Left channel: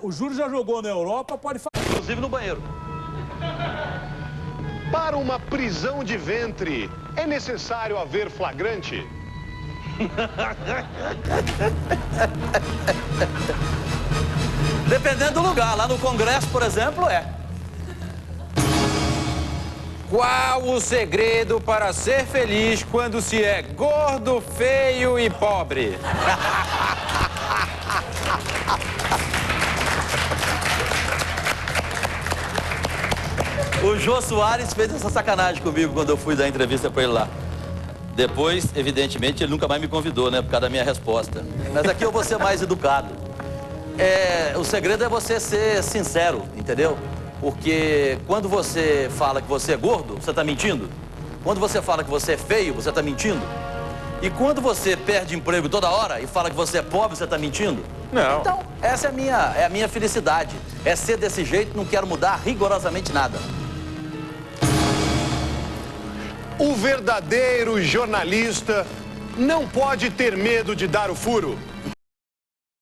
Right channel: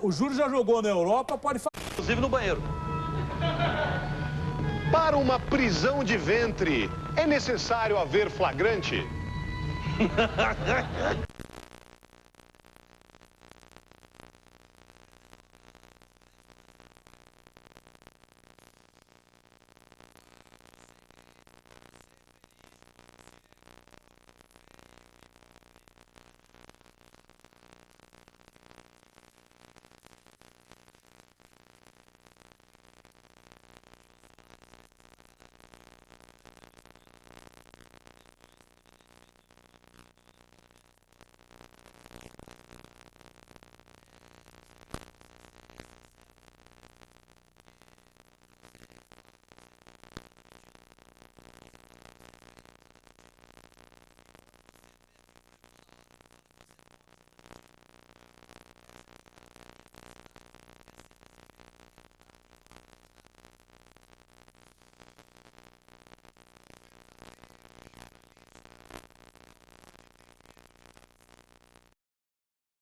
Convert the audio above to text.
O Júlio já jogou na Europa, pode falar. Inclusive no banheiro. Para uma prisão de ventre, é necessário haver flagrante? Dependendo do lugar. Lá no Congresso, por exemplo, é. Qual o segredo para ser feliz quando se é gordo, feio e pobre? O Jô Soares fez essa sacanagem comigo quando eu fui dar entrevista pra ele lá. Depois, evidentemente, ele nunca mais me convidou, né? Por causa da minha resposta. Mas aqui eu vou ser mais educado. O segredo é você ser sincero, entendeu? Porque quando você fala que você é gordo, você tá mentindo. Quando você fala que você é feio, você tá mentindo. E quando você perde emprego toda hora e fala que você é pobre, você tá mentindo. Não. Então, essa é a minha felicidade. É ser desse jeito, não quero mudar rigorosamente nada. O verdadeiro jornalista não pode ter medo de dar o furo.